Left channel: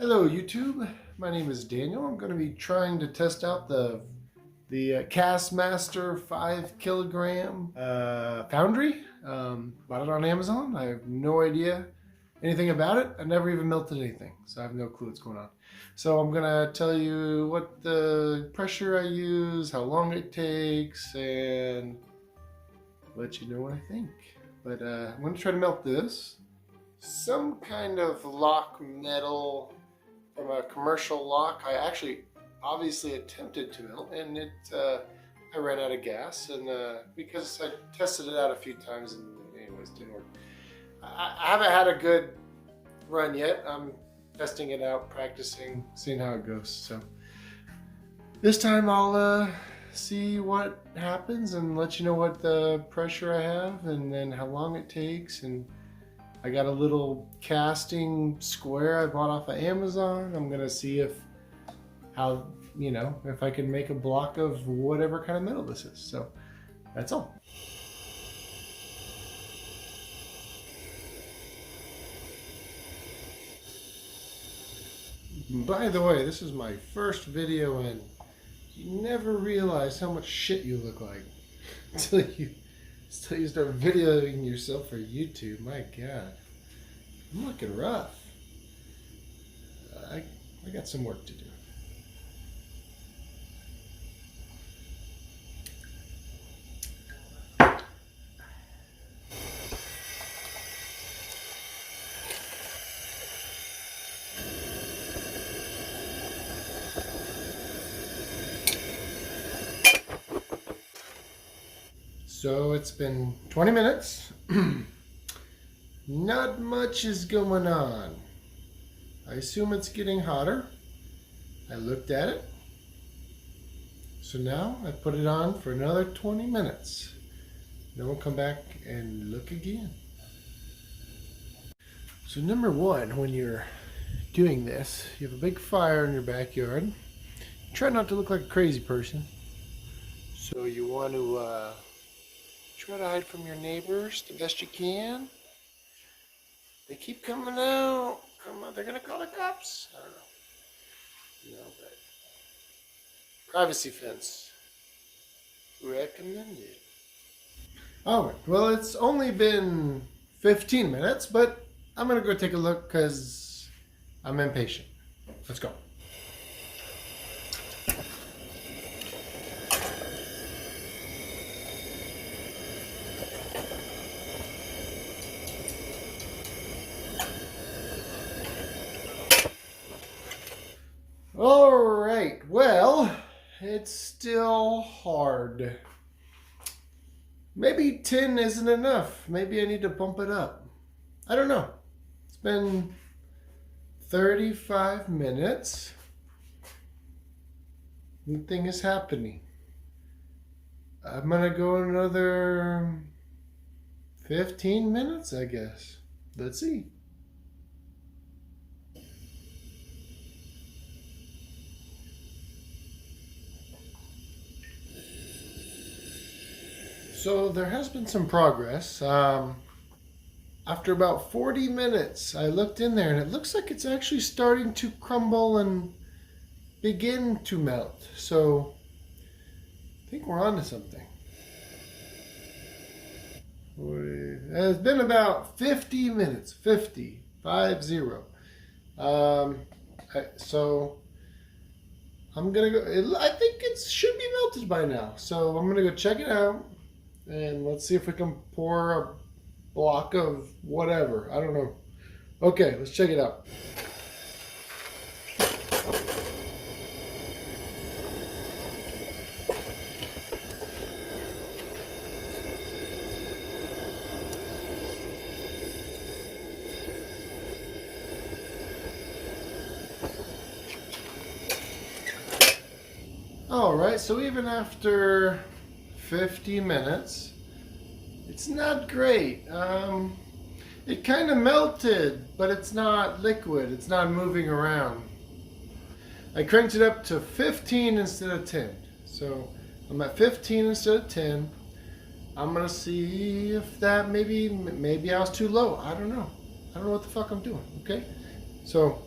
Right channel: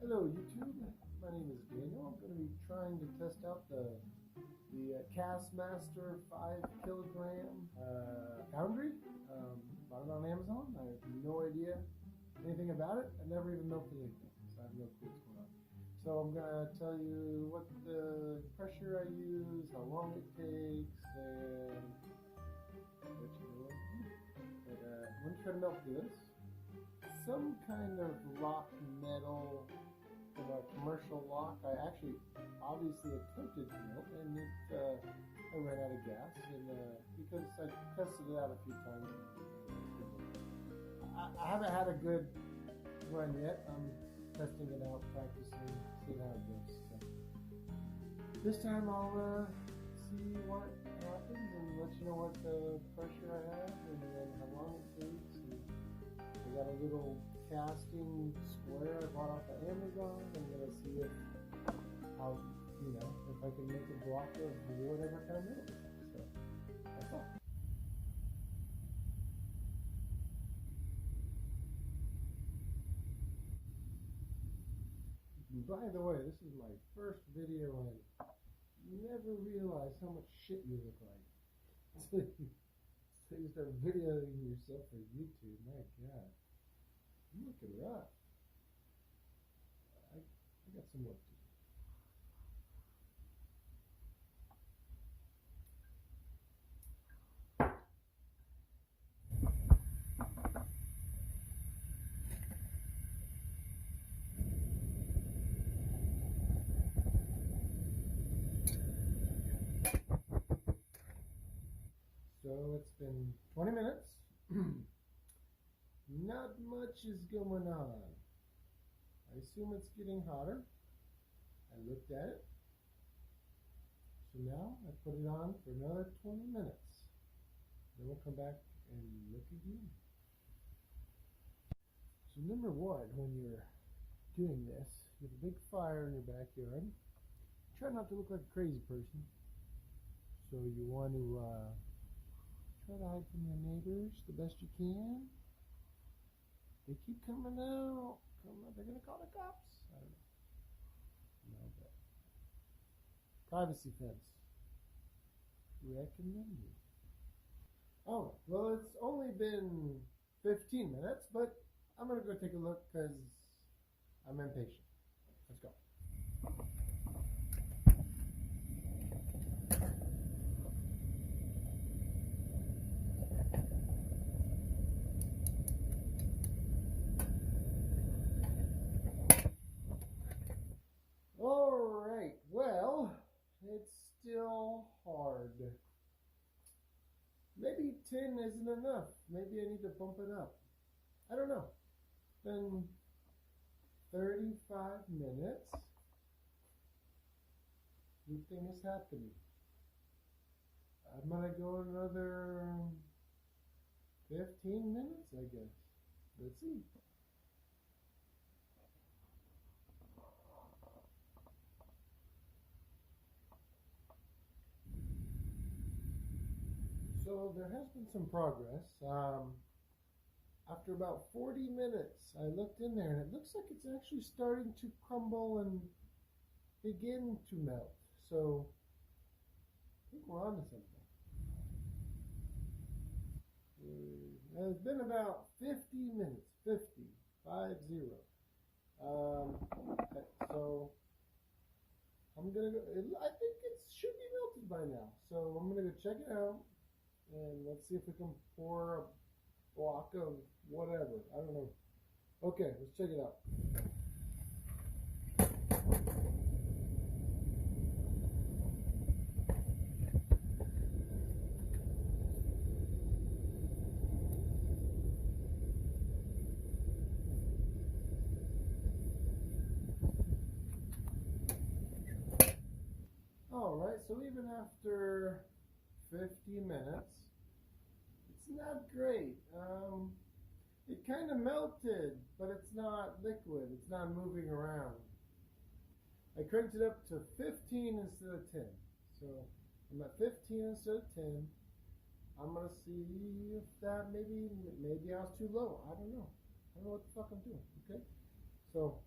Hello YouTube, my name is Daniel. I'm going to be trying to test out the Castmaster 5 kilogram foundry. Bought it on Amazon. I have no idea anything about it. I never even melted anything, so I have no clue what's going on. So I'm going to tell you what the pressure I use, how long it takes, and let you know what I think. But I'm going to try to melt this. Some kind of lock metal from a commercial lock. I actually obviously attempted to melt, and I ran out of gas, and because I tested it out a few times and anyways didn't work. I haven't had a good run yet. I'm testing it out, practicing, seeing how it goes. So this time I'll see what happens and let you know what the pressure I have and then how long it takes. And I got a little casting square I bought off of Amazon. I'm gonna see if I can make a block of whatever kind of metal this is. So that's all. By the way, this is my first video, and you never realize how much shit you look like until you start videoing yourself for YouTube. My God, I'm looking rough. I got some work to do. So it's been 20 minutes. Not much is going on. I assume it's getting hotter. I looked at it. So now I put it on for another 20 minutes. Then we'll come back and look again. So number one, when you're doing this, you have a big fire in your backyard. Try not to look like a crazy person. So you want to try to hide from your neighbors the best you can. They keep coming out. Come on, they're gonna call the cops. I don't know. No, but privacy fence recommended. Oh, well, it's only been 15 minutes, but I'm gonna go take a look because I'm impatient. Let's go. All right, well, it's still hard. Maybe 10 isn't enough. Maybe I need to bump it up. I don't know. It's been 35 minutes. Nothing is happening. I'm gonna go another 15 minutes, I guess. Let's see. So there has been some progress. After about 40 minutes, I looked in there and it looks like it's actually starting to crumble and begin to melt. So I think we're on to something. It's been about 50 minutes, 50. So I'm gonna go, I think it should be melted by now. So I'm gonna go check it out. And let's see if we can pour a block of whatever. I don't know. Okay, let's check it out. All right, so even after 50 minutes, it's not great. It kind of melted, but it's not liquid. It's not moving around. I cranked it up to 15 instead of 10. So I'm at 15 instead of 10. I'm gonna see if that maybe I was too low. I don't know. I don't know what the fuck I'm doing. Okay, so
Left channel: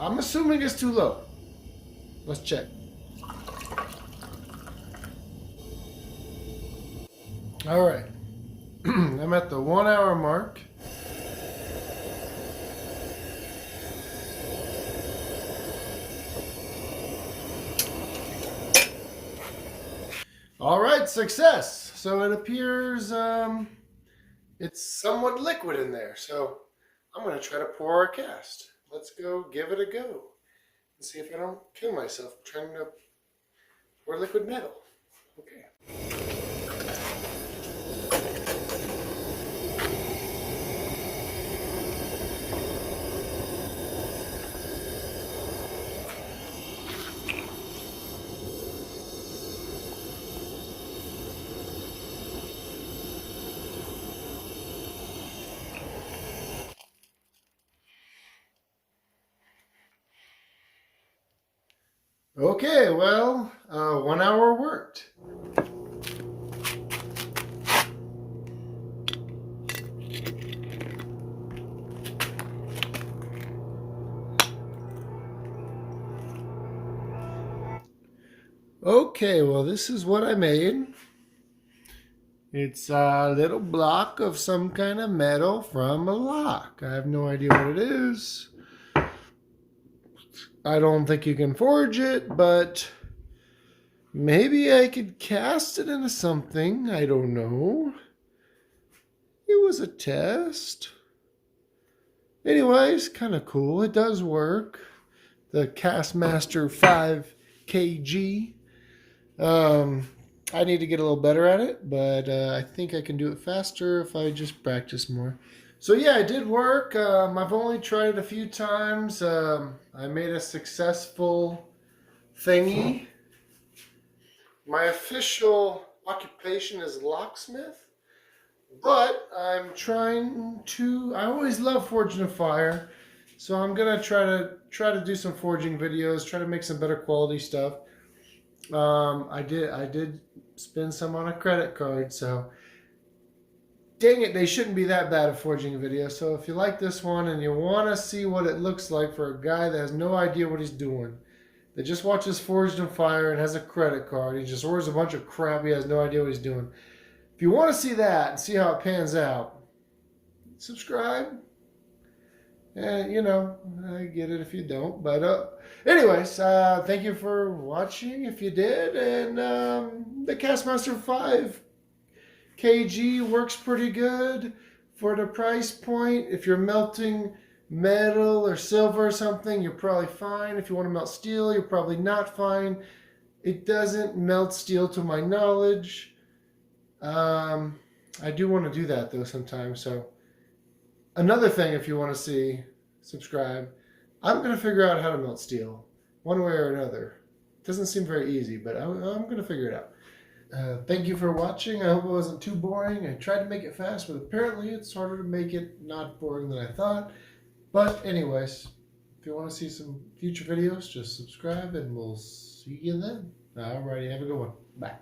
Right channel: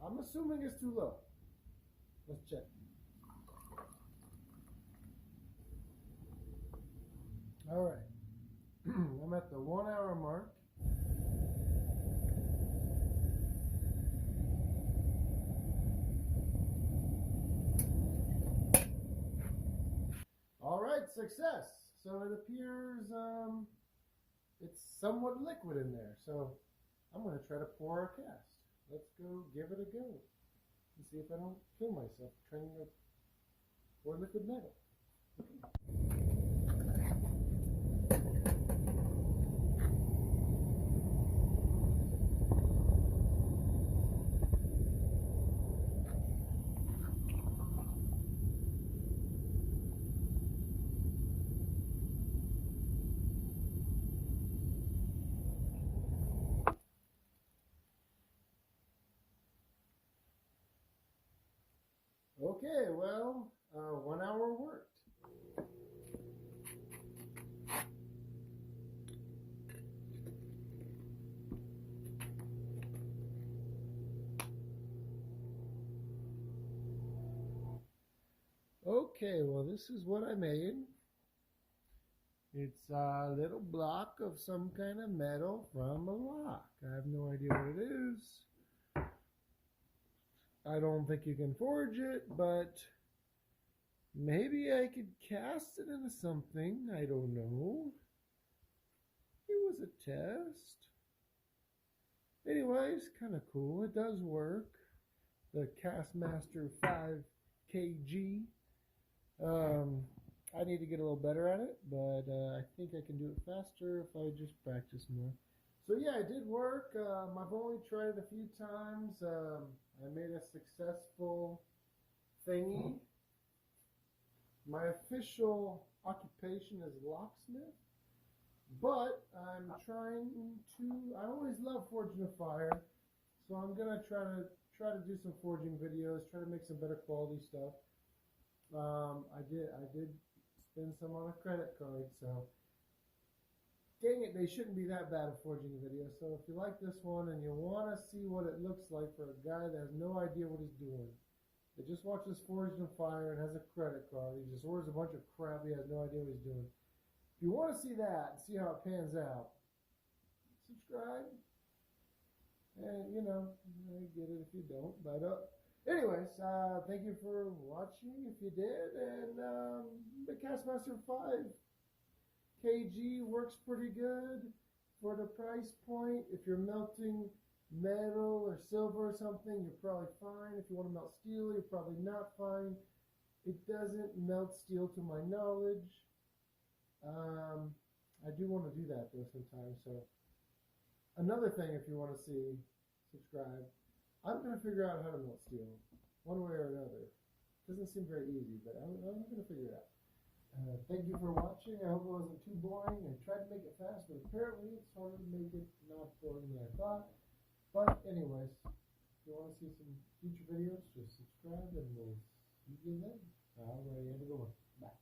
I'm assuming it's too low. Let's check. All right. I'm at the 1 hour mark. All right, success. So it appears it's somewhat liquid in there. So I'm going to try to pour a cast. Let's go give it a go and see if I don't kill myself trying to pour liquid metal. Okay. Okay, well, 1 hour worked. Okay, well, this is what I made. It's a little block of some kind of metal from a lock. I have no idea what it is. I don't think you can forge it, but maybe I could cast it into something. I don't know. It was a test. Anyways, kind of cool. It does work. The Castmaster 5kg. I need to get a little better at it, but I think I can do it faster if I just practice more. So yeah, it did work. I've only tried it a few times. I made a successful thingy. My official occupation is locksmith, but I'm trying to. I always love forging a fire, so I'm gonna try to do some forging videos. Try to make some better quality stuff. I did spend some on a credit card, so. Dang it, they shouldn't be that bad at forging a video. So if you like this one and you want to see what it looks like for a guy that has no idea what he's doing, that just watches Forged in Fire and has a credit card, he just orders a bunch of crap, he has no idea what he's doing. If you want to see that and see how it pans out, subscribe. And, you know, I get it if you don't. But anyways, thank you for watching if you did. And the Castmaster 5kg works pretty good for the price point. If you're melting metal or silver or something, you're probably fine. If you want to melt steel, you're probably not fine. It doesn't melt steel to my knowledge. I do want to do that though sometimes. So another thing, if you want to see, subscribe. I'm going to figure out how to melt steel one way or another. It doesn't seem very easy, but I'm going to figure it out. Thank you for watching. I hope it wasn't too boring. I tried to make it fast, but apparently it's harder to make it not boring than I thought. But anyways, if you want to see some future videos, just subscribe and we'll see you then. Alrighty, have a good one. Bye.